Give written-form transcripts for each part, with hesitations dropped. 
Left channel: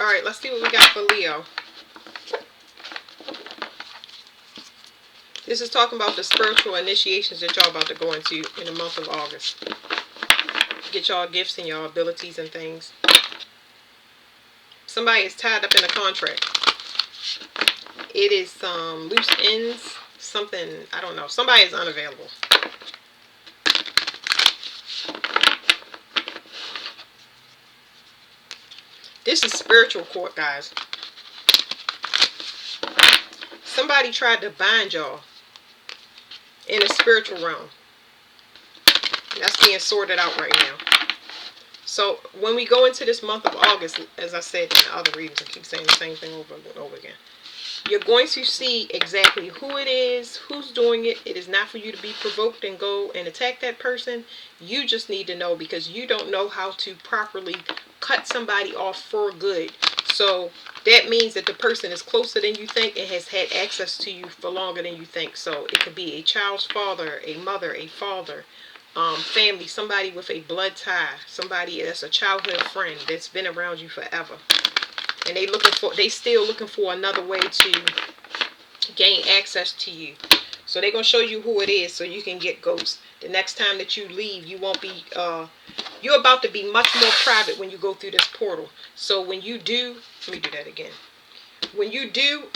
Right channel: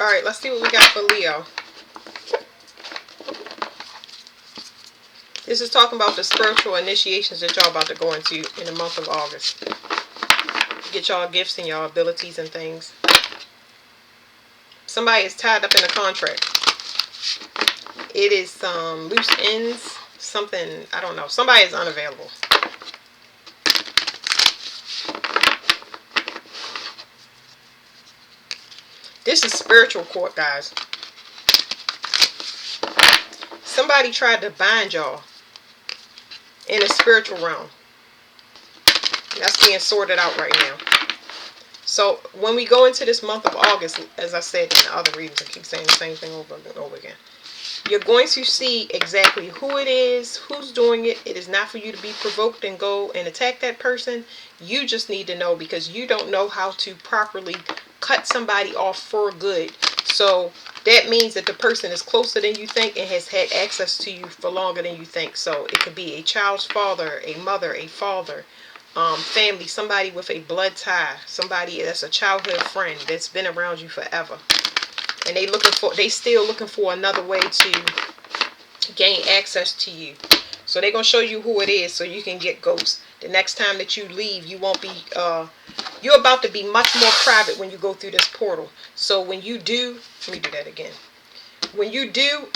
All right, let's see what we got for Leo. This is talking about the spiritual initiations that y'all about to go into in the month of August. Get y'all gifts and y'all abilities and things. Somebody is tied up in a contract. It is some loose ends, something, I don't know. Somebody is unavailable. This is spiritual court, guys. Somebody tried to bind y'all in a spiritual realm. That's being sorted out right now. So when we go into this month of August, as I said in the other readings, I keep saying the same thing over and over again. You're going to see exactly who it is, who's doing it. It is not for you to be provoked and go and attack that person. You just need to know, because you don't know how to properly cut somebody off for good. So that means that the person is closer than you think and has had access to you for longer than you think. So it could be a child's father, a mother, a father, family, somebody with a blood tie, somebody that's a childhood friend that's been around you forever. And they still looking for another way to gain access to you. So they're going to show you who it is so you can get ghosts. The next time that you leave, you won't be, you're about to be much more private when you go through this portal. So when you do, let me do that again. When you do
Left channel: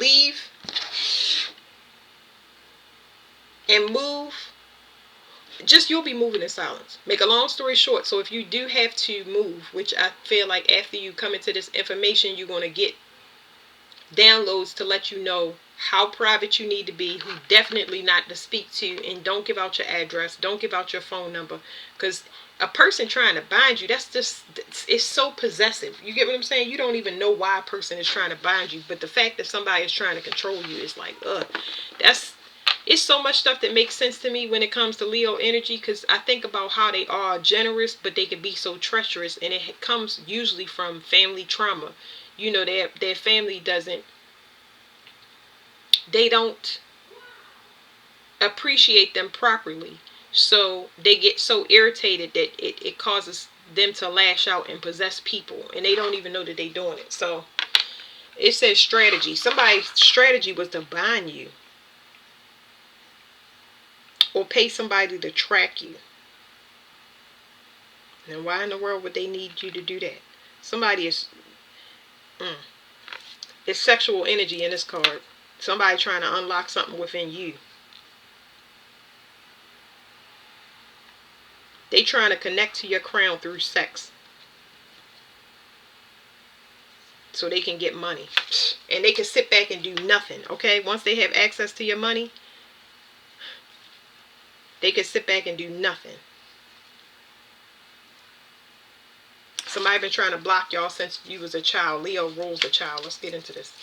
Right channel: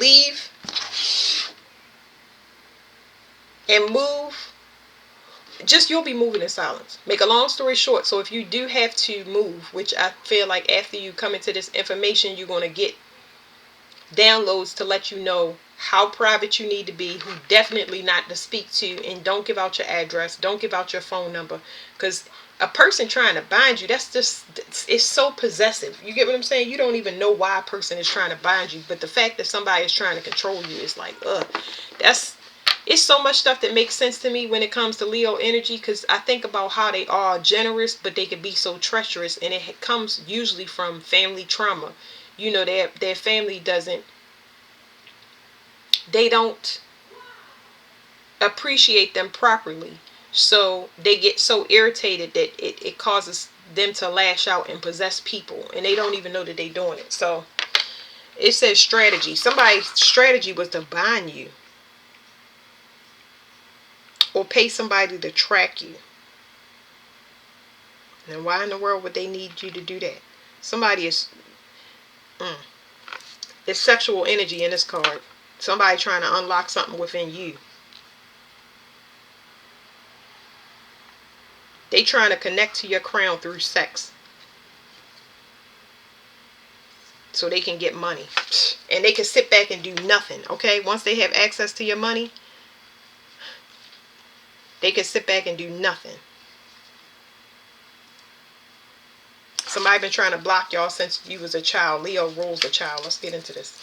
leave and move, you'll be moving in silence. Make a long story short, so if you do have to move, which I feel like after you come into this information, you're going to get downloads to let you know how private you need to be, who definitely not to speak to, and don't give out your address, don't give out your phone number, because a person trying to bind you, it's so possessive. You get what I'm saying? You don't even know why a person is trying to bind you, but the fact that somebody is trying to control you is like, it's so much stuff that makes sense to me when it comes to Leo energy, because I think about how they are generous, but they can be so treacherous, and it comes usually from family trauma. You know, their family they don't appreciate them properly. So they get so irritated that it causes them to lash out and possess people, and they don't even know that they're doing it. So it says strategy. Somebody's strategy was to bind you or pay somebody to track you. And why in the world would they need you to do that? Somebody is it's sexual energy in this card. Somebody trying to unlock something within you. They trying to connect to your crown through sex, so they can get money. And they can sit back and do nothing, okay? Once they have access to your money, they can sit back and do nothing. Somebody been trying to block y'all since you was a child. Leo rules the child. Let's get into this.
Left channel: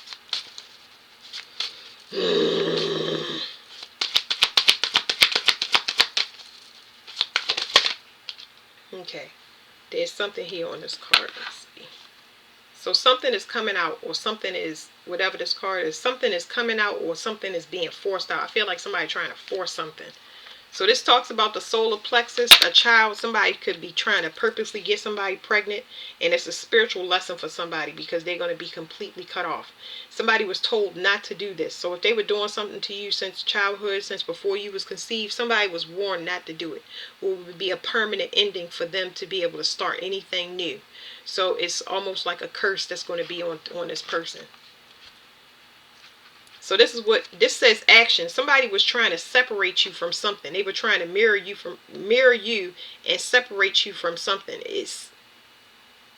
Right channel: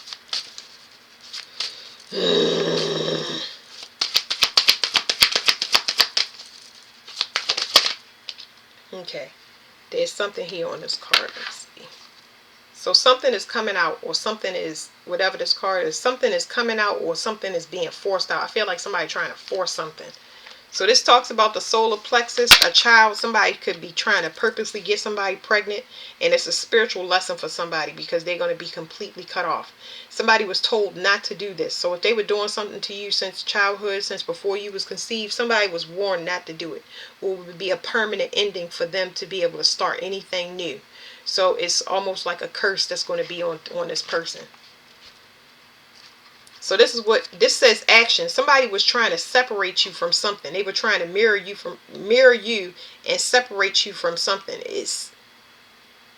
Okay. There's something here on this card. Let's see. So something is coming out, or something is, whatever this card is, something is coming out, or something is being forced out. I feel like somebody trying to force something. So this talks about the solar plexus, a child. Somebody could be trying to purposely get somebody pregnant, and it's a spiritual lesson for somebody because they're going to be completely cut off. Somebody was told not to do this. So if they were doing something to you since childhood, since before you was conceived, somebody was warned not to do it. Or it would be a permanent ending for them to be able to start anything new. So it's almost like a curse that's going to be on this person. So this is what this says. Action. Somebody was trying to separate you from something. They were trying to mirror you and separate you from something.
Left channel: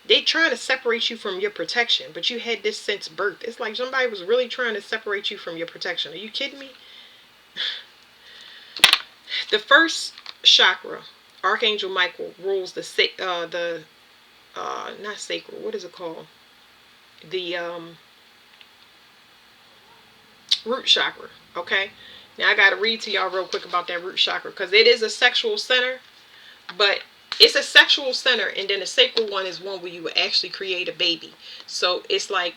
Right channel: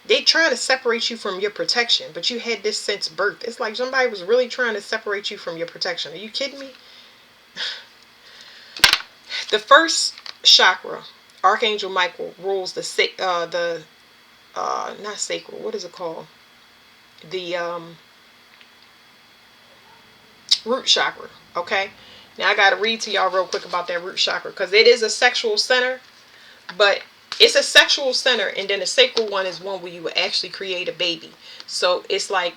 They trying to separate you from your protection, but you had this since birth. It's like somebody was really trying to separate you from your protection. Are you kidding me? The first chakra, Archangel Michael rules the not sacral. What is it called? The root chakra. Okay, now I got to read to y'all real quick about that root chakra, because it is a sexual center, but it's a sexual center, and then the sacral one is one where you would actually create a baby. So it's like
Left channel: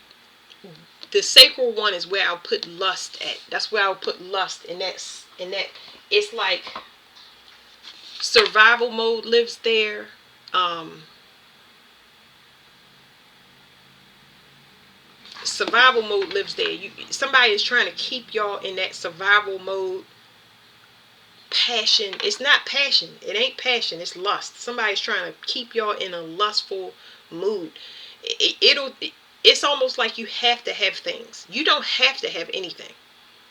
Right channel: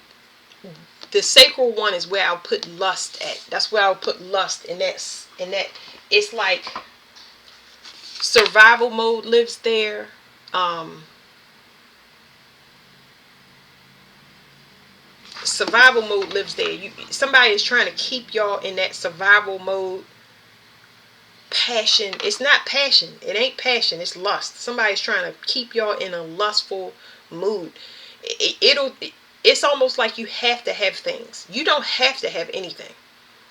the sacral one is where I'll put lust at. That's where I'll put lust in that. It's like survival mode lives there. survival mode lives there. Somebody is trying to keep y'all in that survival mode. Passion. It's not passion. It ain't passion. It's lust. Somebody's trying to keep y'all in a lustful mood. It's almost like you have to have things. You don't have to have anything.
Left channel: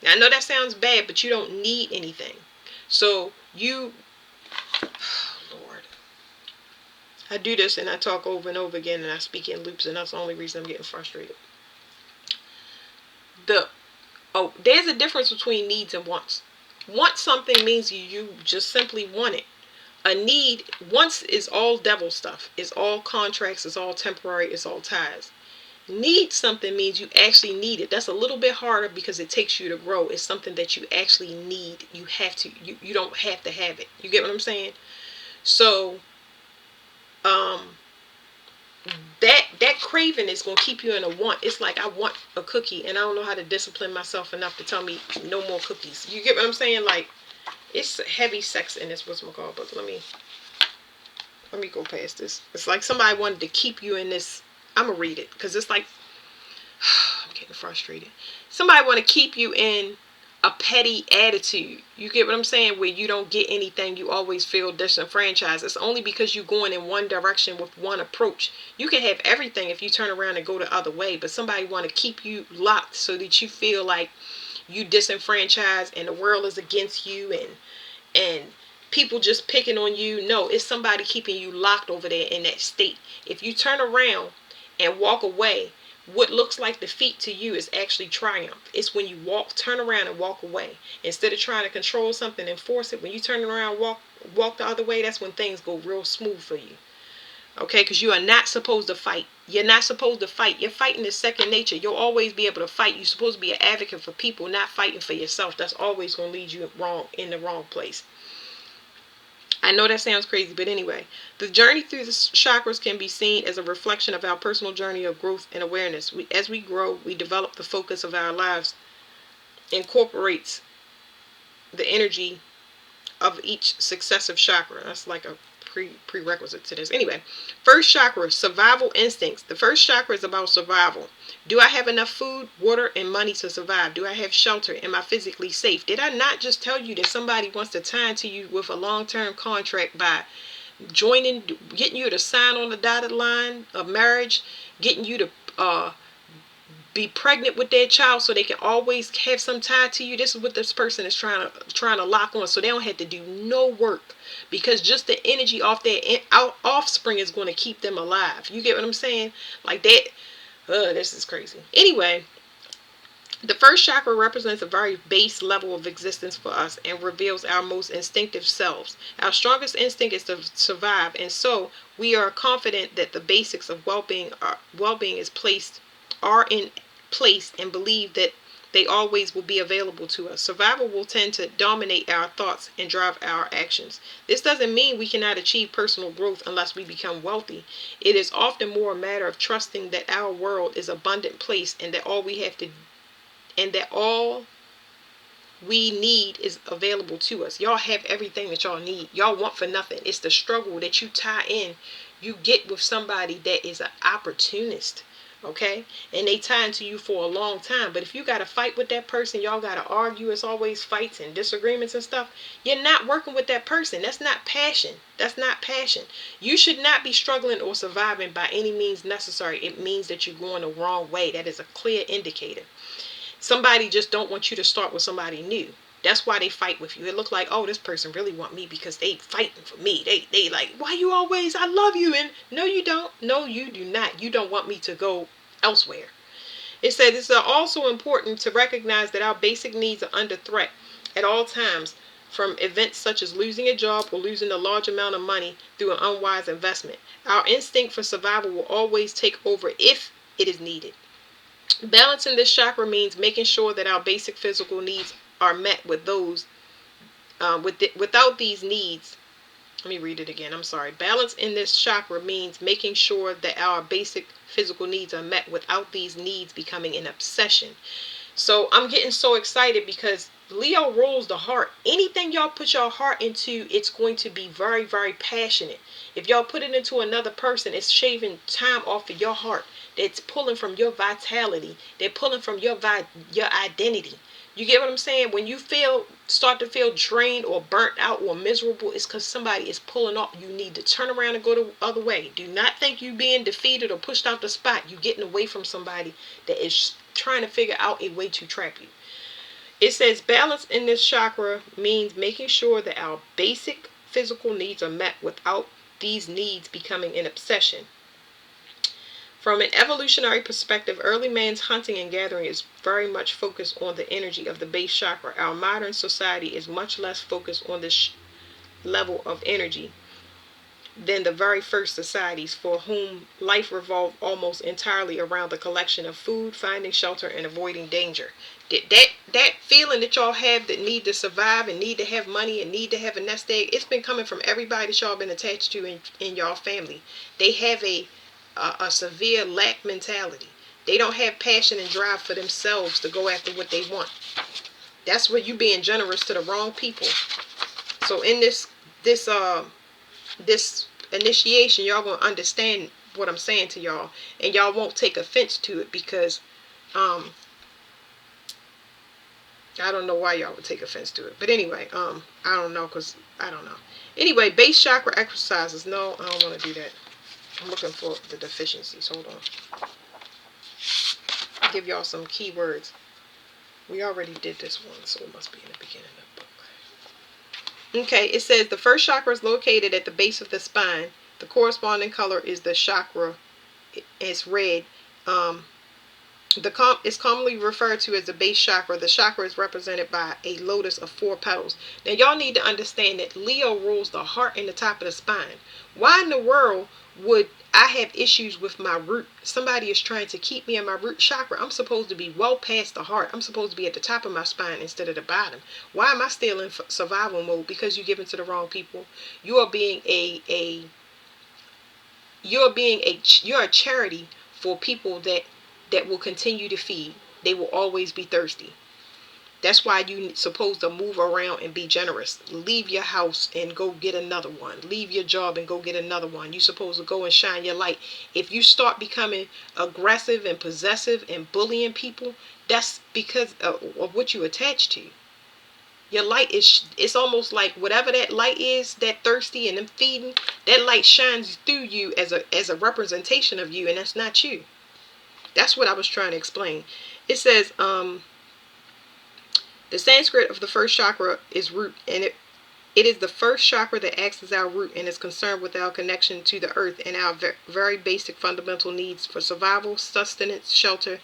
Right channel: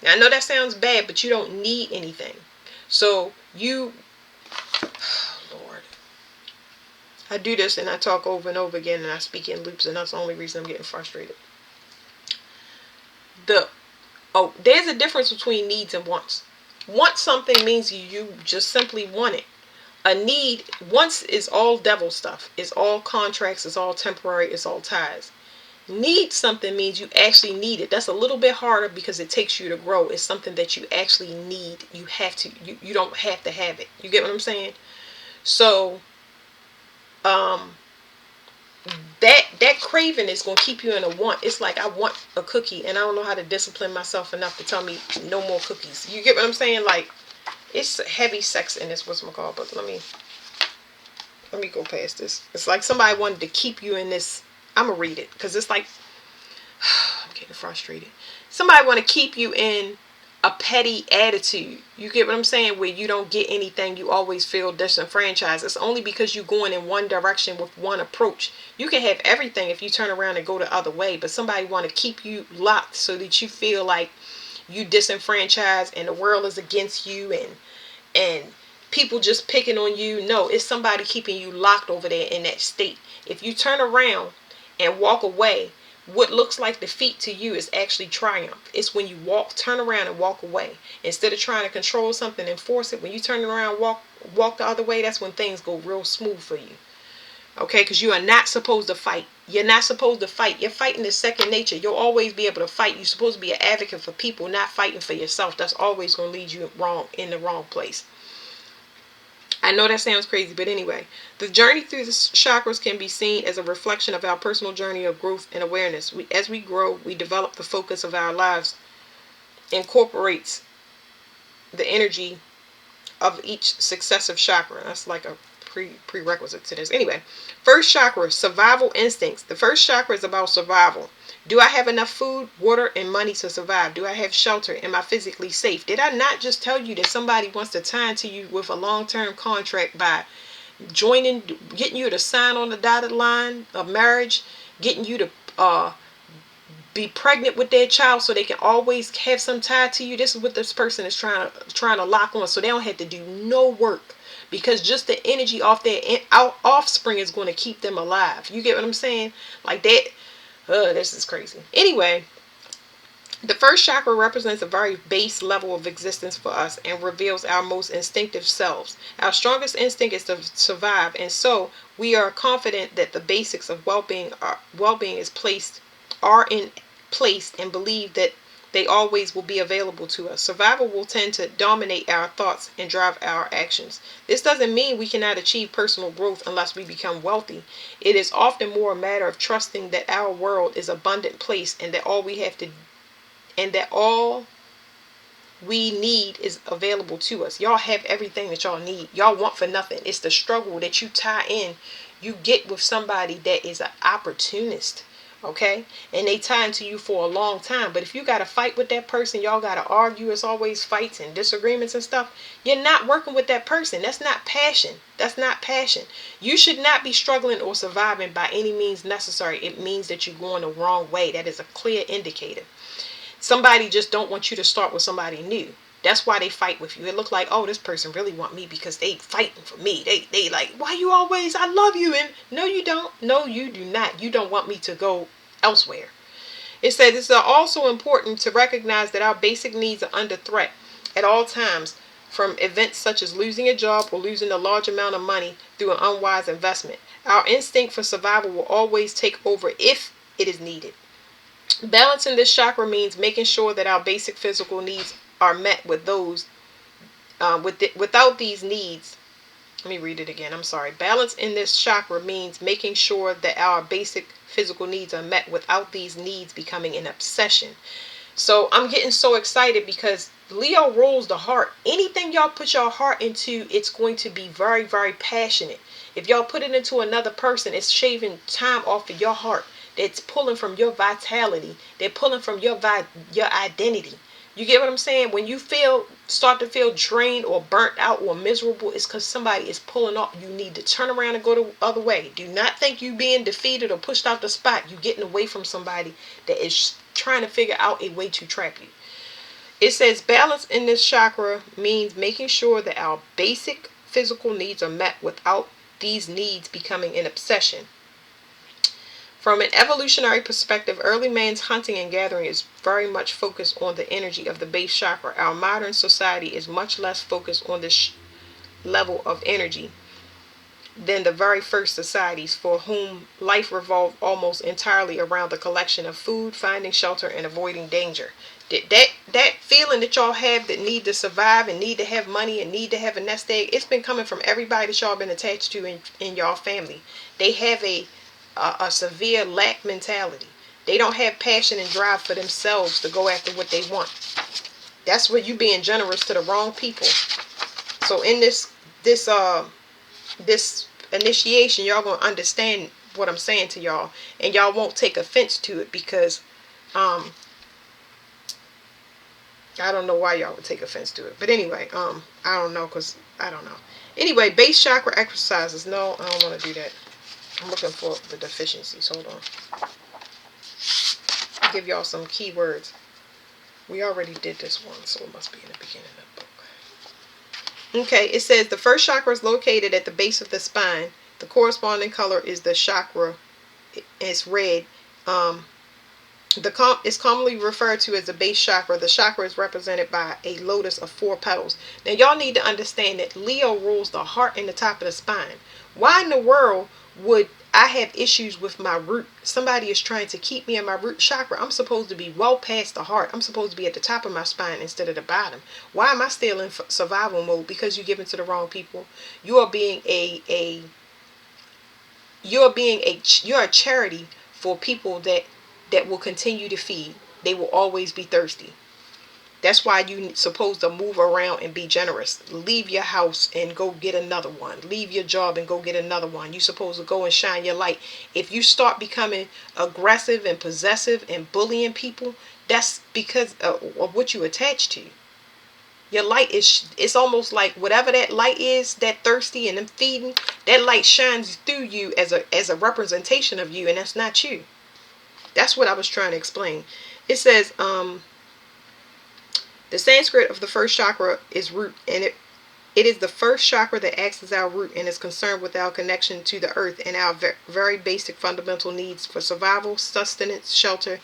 Now, I know that sounds bad, but you don't need anything. So you, oh Lord, I do this and I talk over and over again and I speak in loops, and that's the only reason I'm getting frustrated. There's a difference between needs and wants. Want something means you just simply want it. A need, wants, is all devil stuff. It's all contracts. It's all temporary. It's all ties. Need something means you actually need it. That's a little bit harder because it takes you to grow. It's something that you actually need. You have to. You don't have to have it. You get what I'm saying? So, that craving is going to keep you in a want. It's like, I want a cookie and I don't know how to discipline myself enough to tell me no more cookies. You get what I'm saying? Like, it's heavy sex in this, whatchamacallit, but let me go past this. It's like somebody wanted to keep you in this. I'm going to read it because it's like, I'm getting frustrated. Somebody want to keep you in a petty attitude. You get what I'm saying? Where you don't get anything. You always feel disenfranchised. It's only because you're going in one direction with one approach. You can have everything if you turn around and go the other way. But somebody want to keep you locked so that you feel like you disenfranchised and the world is against you and people just picking on you. No, it's somebody keeping you locked over there in that state. If you turn around and walk away, what looks like defeat to you is actually triumph. It's when you turn around and walk away. Instead of trying to control something and force it, when you turn around and walk the other way, that's when things go real smooth for you. Okay, because you are not supposed to fight. You're not supposed to fight. You're fighting is second nature. You'll always be able to fight. You're supposed to be an advocate for people, not fighting for yourself. That's always going to lead you in the wrong place. I know that sounds crazy, but anyway, the journey through the chakras can be seen as a reflection of our personal journey of growth and awareness. As we grow, we develop the focus of our lives, incorporates the energy of each successive chakra. That's like a prerequisite to this. Anyway, first chakra, survival instincts. The first chakra is about survival. Do I have enough food, water, and money to survive? Do I have shelter? Am I physically safe? Did I not just tell you that somebody wants to tie into you with a long-term contract by getting you to sign on the dotted line of marriage, getting you to be pregnant with their child so they can always have some tie to you? This is what this person is trying to lock on, so they don't have to do no work, because just the energy off their offspring is going to keep them alive. You get what I'm saying? Like that. This is crazy. Anyway, the first chakra represents a very base level of existence for us and reveals our most instinctive selves. Our strongest instinct is to survive, and so we are confident that the basics of well-being are in place and believe that they always will be available to us. Survival will tend to dominate our thoughts and drive our actions. This doesn't mean we cannot achieve personal growth unless we become wealthy. It is often more a matter of trusting that our world is an abundant place and that all we need is available to us. Y'all have everything that y'all need. Y'all want for nothing. It's the struggle that you tie in. You get with somebody that is an opportunist. Okay, and they tie into you for a long time. But if you got to fight with that person, y'all got to argue. It's always fights and disagreements and stuff. You're not working with that person. That's not passion. That's not passion. You should not be struggling or surviving by any means necessary. It means that you're going the wrong way. That is a clear indicator. Somebody just don't want you to start with somebody new. That's why they fight with you. It look like, oh, this person really want me because they fighting for me. They like, why you always, I love you. And no, you don't. No, you do not. You don't want me to go elsewhere. It says it's also important to recognize that our basic needs are under threat at all times from events such as losing a job or losing a large amount of money through an unwise investment. Our instinct for survival will always take over if it is needed. Balancing this chakra means making sure that our basic physical needs are met with those without these needs. Let me read it again. I'm sorry. Balance in this chakra means making sure that our basic physical needs are met without these needs becoming an obsession. So I'm getting so excited because Leo rules the heart. Anything y'all put your heart into, it's going to be very, very passionate. If y'all put it into another person, it's shaving time off of your heart. It's pulling from your vitality. They're pulling from your identity. You get what I'm saying? When you start to feel drained or burnt out or miserable, it's because somebody is pulling off. You need to turn around and go the other way. Do not think you being defeated or pushed out the spot. You getting away from somebody that is trying to figure out a way to trap you. It says balance in this chakra means making sure that our basic physical needs are met without these needs becoming an obsession. From an evolutionary perspective, early man's hunting and gathering is very much focused on the energy of the base chakra. Our modern society is much less focused on this level of energy than the very first societies, for whom life revolved almost entirely around the collection of food, finding shelter, and avoiding danger. That feeling that y'all have that need to survive and need to have money and need to have a nest egg, it's been coming from everybody that y'all been attached to in y'all family. They have a severe lack mentality. They don't have passion and drive for themselves to go after what they want. That's where you being generous to the wrong people. So in this initiation, y'all gonna understand what I'm saying to y'all, and y'all won't take offense to it, because I don't know why y'all would take offense to it. But anyway, I don't know, because I don't know. Anyway, base chakra exercises. No, I don't want to do that. I'm looking for the deficiencies. Hold on. I'll give y'all some keywords. We already did this one, so it must be in the beginning of the book. Okay, it says the first chakra is located at the base of the spine. The corresponding color is the chakra. It's red. It's commonly referred to as the base chakra. The chakra is represented by a lotus of 4 petals. Now, y'all need to understand that Leo rules the heart and the top of the spine. Why in the world would I have issues with my root? Somebody is trying to keep me in my root chakra. I'm supposed to be well past the heart. I'm supposed to be at the top of my spine instead of the bottom. Why am I still in survival mode? Because you're giving to the wrong people. You're a charity for people that will continue to feed. They will always be thirsty. That's why you're supposed to move around and be generous. Leave your house and go get another one. Leave your job and go get another one. You're supposed to go and shine your light. If you start becoming aggressive and possessive and bullying people, that's because of what you attach to. Your light it's almost like whatever that light is, that thirsty and them feeding, that light shines through you as a representation of you, and that's not you. That's what I was trying to explain. It says the Sanskrit of the first chakra is root, and it is the first chakra that acts as our root and is concerned with our connection to the earth and our very basic fundamental needs for survival, sustenance, shelter,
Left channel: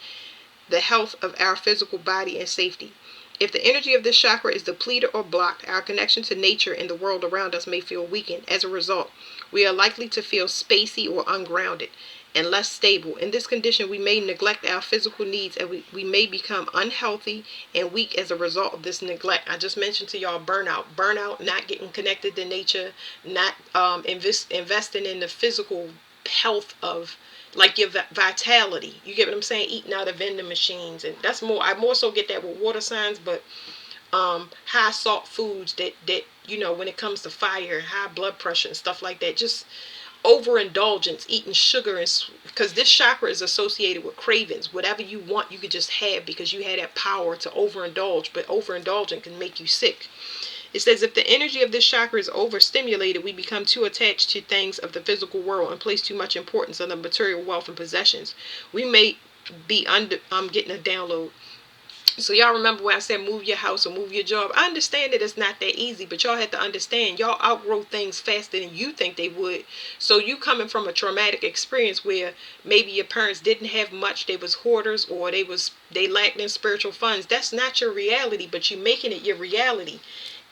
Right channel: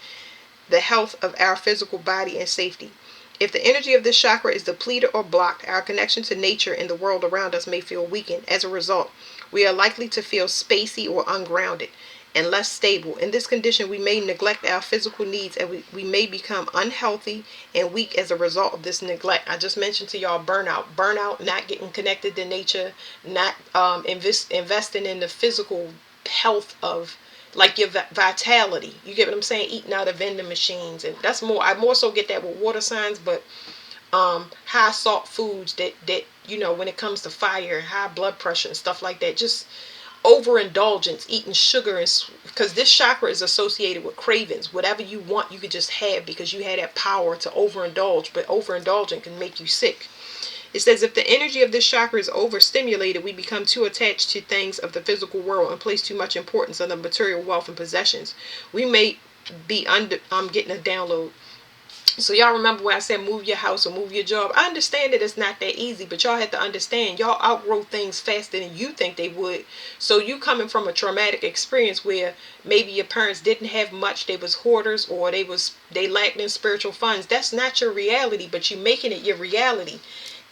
the health of our physical body, and safety. If the energy of this chakra is depleted or blocked, our connection to nature and the world around us may feel weakened. As a result, we are likely to feel spacey or ungrounded and less stable. In this condition, we may neglect our physical needs, and we may become unhealthy and weak as a result of this neglect. I just mentioned to y'all burnout, not getting connected to nature, not investing in the physical health of, like, your vitality. You get what I'm saying? Eating out of vending machines, and that's more. I more so get that with water signs, but high salt foods that when it comes to fire, high blood pressure and stuff like that, just overindulgence, eating sugar, and because this chakra is associated with cravings. Whatever you want, you could just have, because you had that power to overindulge, but overindulging can make you sick. It says if the energy of this chakra is overstimulated, we become too attached to things of the physical world and place too much importance on the material wealth and possessions. We may be getting a download. So y'all remember when I said move your house or move your job? I understand that it's not that easy, but y'all have to understand y'all outgrow things faster than you think they would. So you coming from a traumatic experience where maybe your parents didn't have much, they was hoarders, or they lacked in spiritual funds. That's not your reality, but you making it your reality.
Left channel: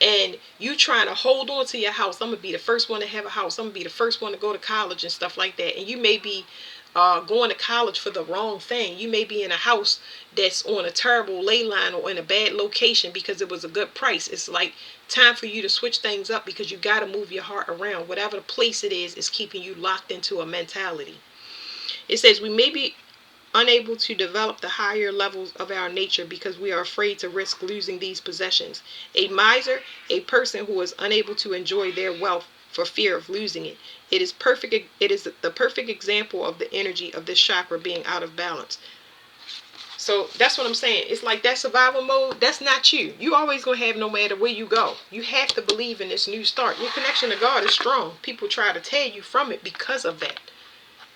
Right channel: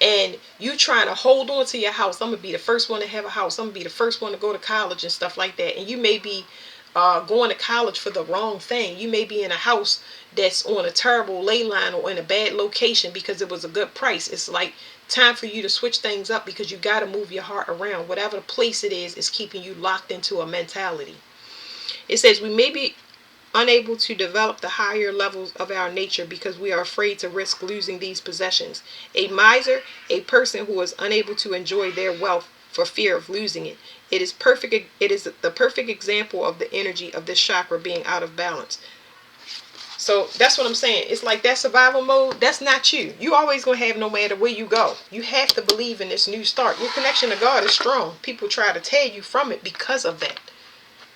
And you trying to hold on to your house. I'm going to be the first one to have a house. I'm going to be the first one to go to college and stuff like that. And you may be going to college for the wrong thing. You may be in a house that's on a terrible ley line or in a bad location because it was a good price. It's like time for you to switch things up, because you got to move your heart around. Whatever the place it is keeping you locked into a mentality. It says we may be unable to develop the higher levels of our nature because we are afraid to risk losing these possessions. A miser, a person who is unable to enjoy their wealth for fear of losing it. It is perfect. It is the perfect example of the energy of this chakra being out of balance. So that's what I'm saying. It's like that survival mode, that's not you. You always going to have no matter where you go. You have to believe in this new start. Your connection to God is strong. People try to tear you from it because of that.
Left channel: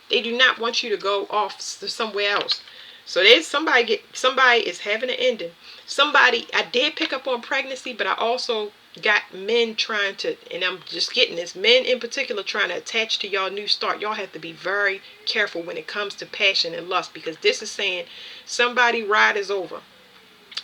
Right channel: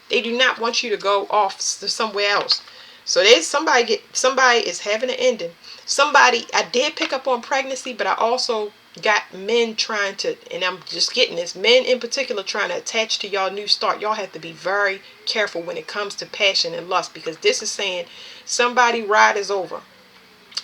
They do not want you to go off to somewhere else. So there's somebody is having an ending. Somebody, I did pick up on pregnancy, but I also got men trying to, and I'm just getting this, men in particular trying to attach to y'all new start. Y'all have to be very careful when it comes to passion and lust, because this is saying somebody ride is over.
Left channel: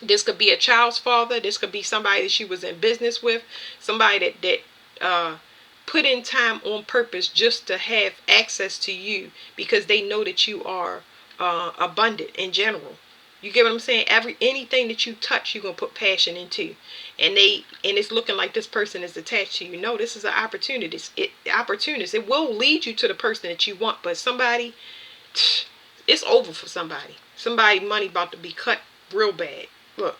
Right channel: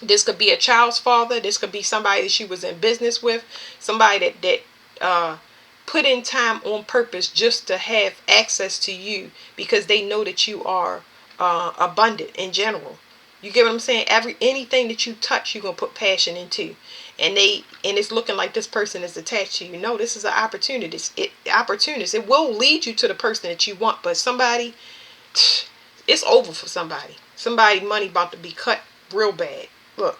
This could be a child's father. This could be somebody that she was in business with. Somebody that put in time on purpose just to have access to you because they know that you are abundant in general. You get what I'm saying? Anything that you touch, you're gonna put passion into, and it's looking like this person is attached to you. No, this is an opportunity. It will lead you to the person that you want, but somebody, it's over for somebody. Somebody money about to be cut real bad. Look,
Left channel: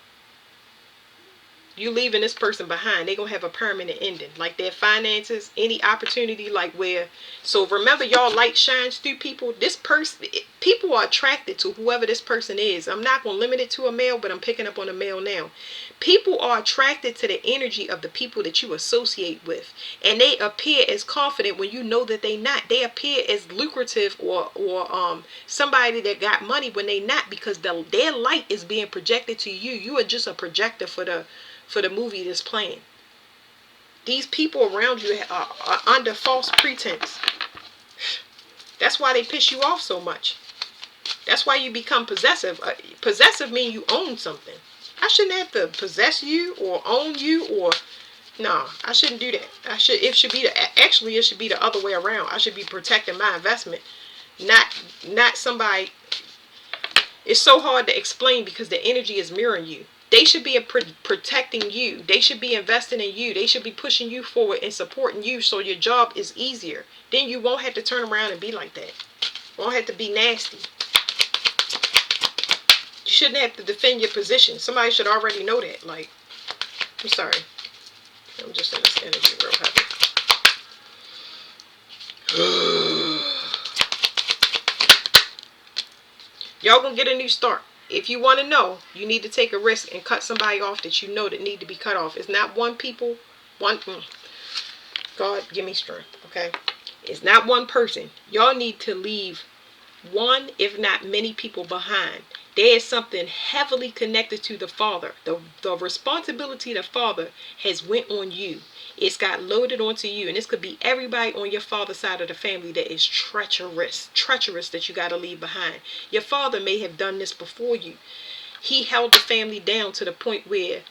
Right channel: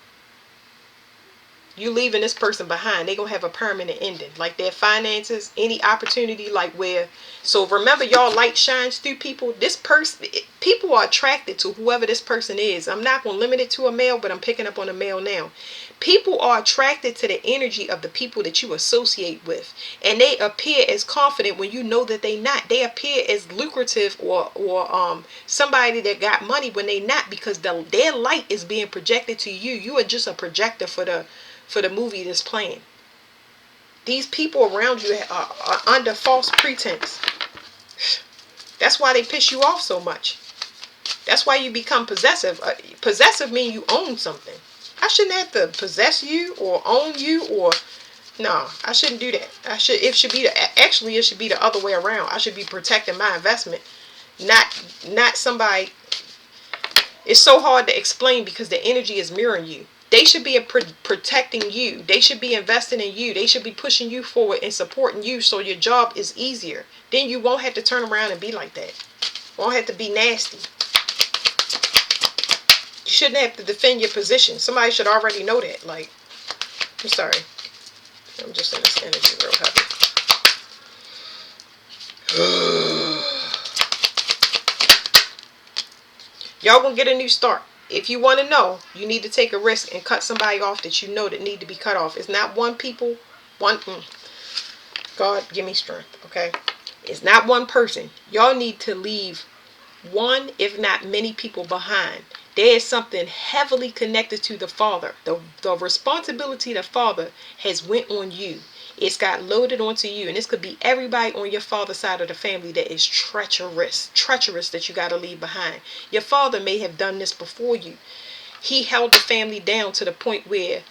you leaving this person behind. They're going to have a permanent ending. Like their finances, any opportunity, like where. So remember, y'all, light shines through people. This person, people are attracted to whoever this person is. I'm not going to limit it to a male, but I'm picking up on a male now. People are attracted to the energy of the people that you associate with. And they appear as confident when you know that they not. They appear as lucrative or somebody that got money when they not, because their light is being projected to you. You are just a projector for the movie that's playing. These people around you are under false pretense. That's why they piss you off so much. That's why you become possessive. Possessive means you own something. I shouldn't have to possess you or own you, or no, I shouldn't do that. It should be the other way around. I should be protecting my investment, not somebody. It's so hard to explain because the energy is mirroring you. They should be protecting you. They should be investing in you. They should be pushing you forward and supporting you so your job is easier. Then you won't have to turn around and be like that. Won't have to be nasty. You shouldn't have to defend your position. Somebody should already know that. Like, I'm sorry. I'm just in this energy real heavy. Y'all gonna get a new start. If you want to know, you need to take a risk and cut somebody off that you know that need to be cut off. It's not one people. God, give me strength, okay? It's not one person. Y'all need to leave one, if not many people behind. There is something heavily connected to the father. The responsibility of the father has went on you. It's got loaded onto you, and this could be everybody on your father's side of the family that is treacherous that you got to leave behind. Your father may have done this before you. He held the family down to the point where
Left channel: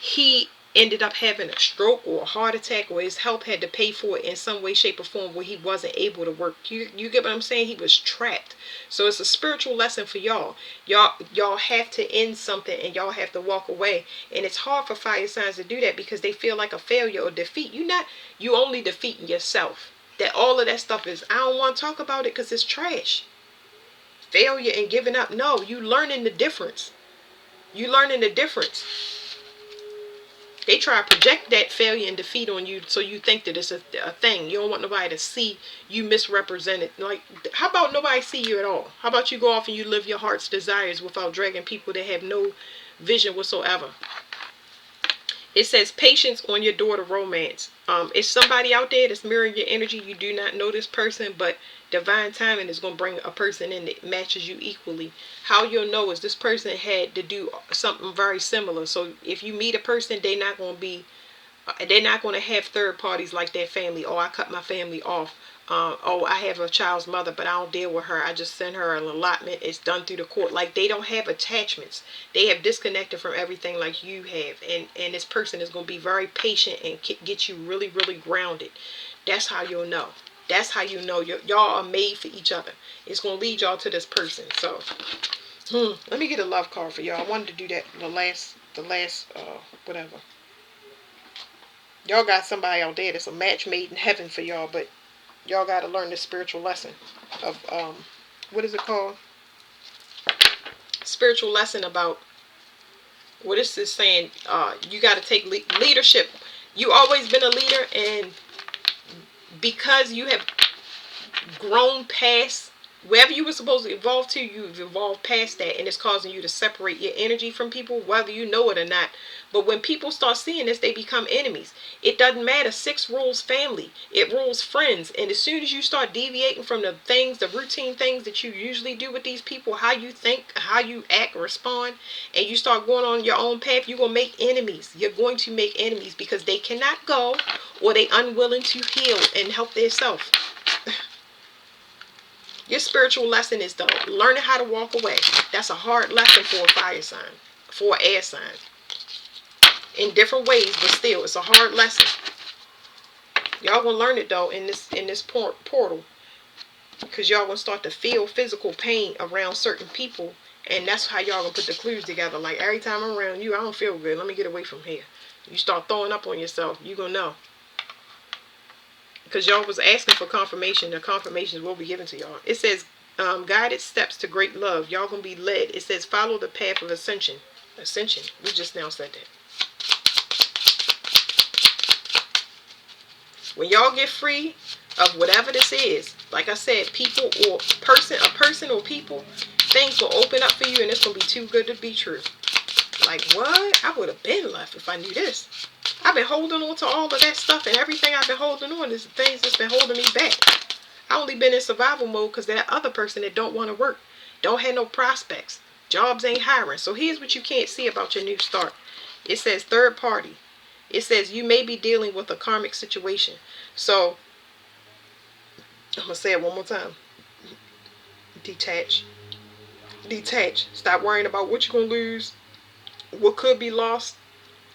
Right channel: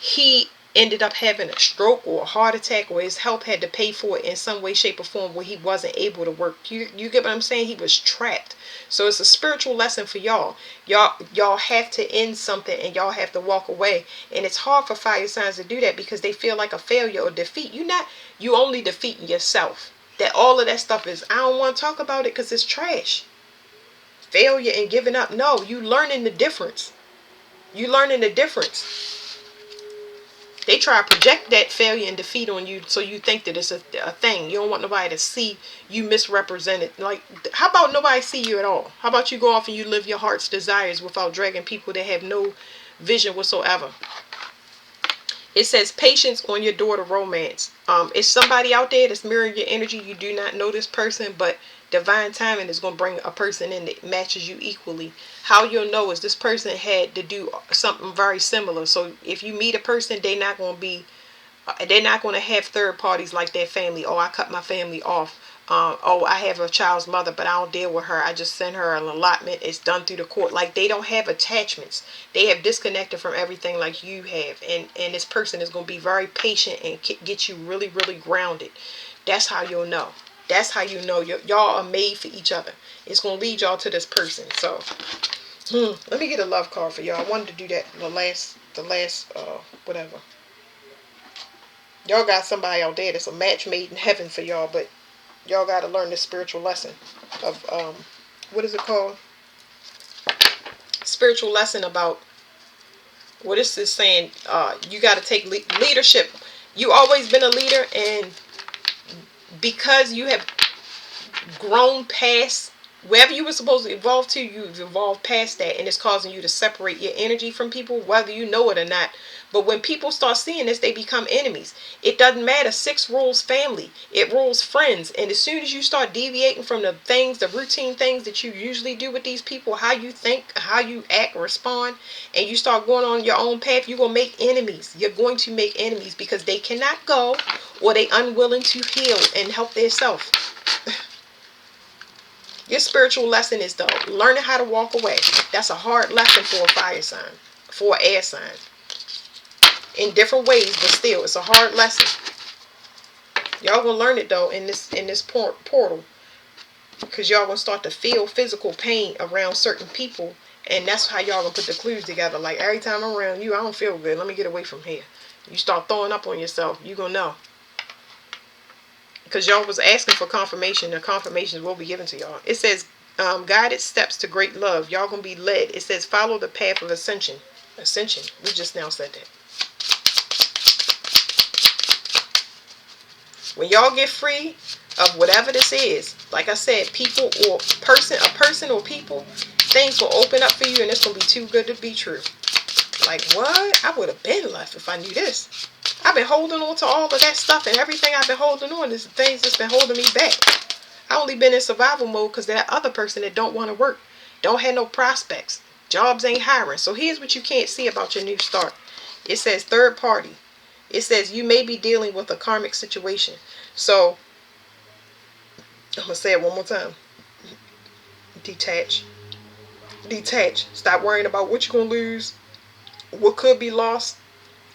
he ended up having a stroke or a heart attack, or his health had to pay for it in some way, shape, or form where he wasn't able to work. You get what I'm saying? He was trapped. So it's a spiritual lesson for y'all. Y'all have to end something, and y'all have to walk away. And it's hard for fire signs to do that because they feel like a failure or defeat. You only defeating yourself. That all of that stuff is, I don't want to talk about it because it's trash. Failure and giving up. No, you learning the difference. You learning the difference. They try to project that failure and defeat on you so you think that it's a thing. You don't want nobody to see you misrepresented. Like, how about nobody see you at all? How about you go off and you live your heart's desires without dragging people that have no vision whatsoever? It says patience on your door to romance. It's somebody out there that's mirroring your energy. You do not know this person, but divine timing is going to bring a person in that matches you equally. How you'll know is this person had to do something very similar. So if you meet a person, they're not going to have third parties like their family. Oh, I cut my family off. Oh, I have a child's mother, but I don't deal with her. I just send her an allotment. It's done through the court. Like, they don't have attachments. They have disconnected from everything like you have. And this person is going to be very patient and get you really, really grounded. That's how you'll know. That's how you know y'all are made for each other. It's going to lead y'all to this person. So, let me get a love card for y'all. I wanted to do that the last whatever. Y'all got somebody out there that's a match made in heaven for y'all, but y'all got to learn this spiritual lesson of, what is it called? Spiritual lesson about, what is this saying? You got to take leadership. You always been a leader, and because you have grown past wherever you were supposed to evolve to. You've evolved past that, and it's causing you to separate your energy from people, whether you know it or not. But when people start seeing this, they become enemies. It doesn't matter. 6 rules family. It rules friends. And as soon as you start deviating from the things, the routine things that you usually do with these people, how you think, how you act, respond, and you start going on your own path, you're going to make enemies. You're going to make enemies because they cannot go, or they unwilling to heal and help themselves. Your spiritual lesson is though learning how to walk away. That's a hard lesson for a fire sign, for an air sign. In different ways, but still, it's a hard lesson. Y'all gonna learn it though in this portal, because y'all gonna start to feel physical pain around certain people, and that's how y'all gonna put the clues together. Like, every time I'm around you, I don't feel good. Let me get away from here. You start throwing up on yourself, you gonna know. Because y'all was asking for confirmation. The confirmations will be given to y'all. It says, guided steps to great love. Y'all gonna be led. It says, follow the path of ascension. Ascension. We just now said that. When y'all get free of whatever this is, like I said, people or a person or people, things will open up for you, and it's gonna be too good to be true. Like, what? I would have been left if I knew this. I've been holding on to all of that stuff, and everything I've been holding on is things that's been holding me back. I only been in survival mode because that other person that don't want to work, don't have no prospects, jobs ain't hiring. So here's what you can't see about your new start. It says third party. It says you may be dealing with a karmic situation. So I'm gonna say it one more time. Detach. Detach. Stop worrying about what you're gonna lose, what could be lost.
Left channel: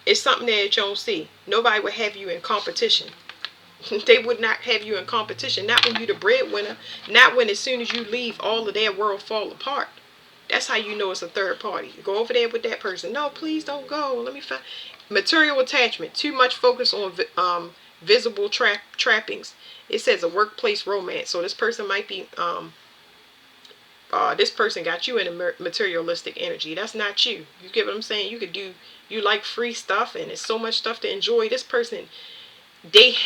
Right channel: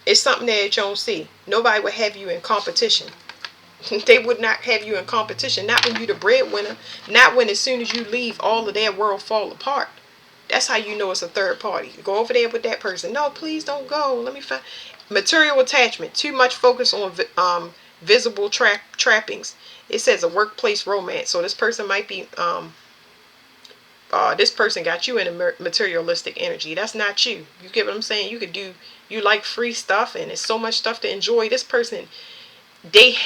It's something that you don't see. Nobody would have you in competition. They would not have you in competition. Not when you're the breadwinner. Not when as soon as you leave, all of their world fall apart. That's how you know it's a third party. You go over there with that person. No, please don't go. Let me find. Material attachment. Too much focus on visible trappings. It says a workplace romance. So this person might be this person got you in a materialistic energy. That's not you. You get what I'm saying? You like free stuff, and it's so much stuff to enjoy. This person, they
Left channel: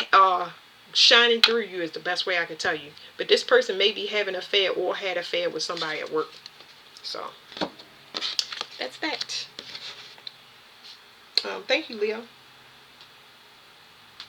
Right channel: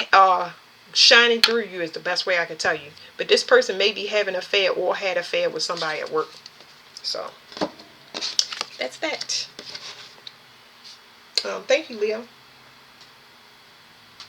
shining through you is the best way I can tell you. But this person may be having an affair or had an affair with somebody at work. So that's that. Thank you, Leo.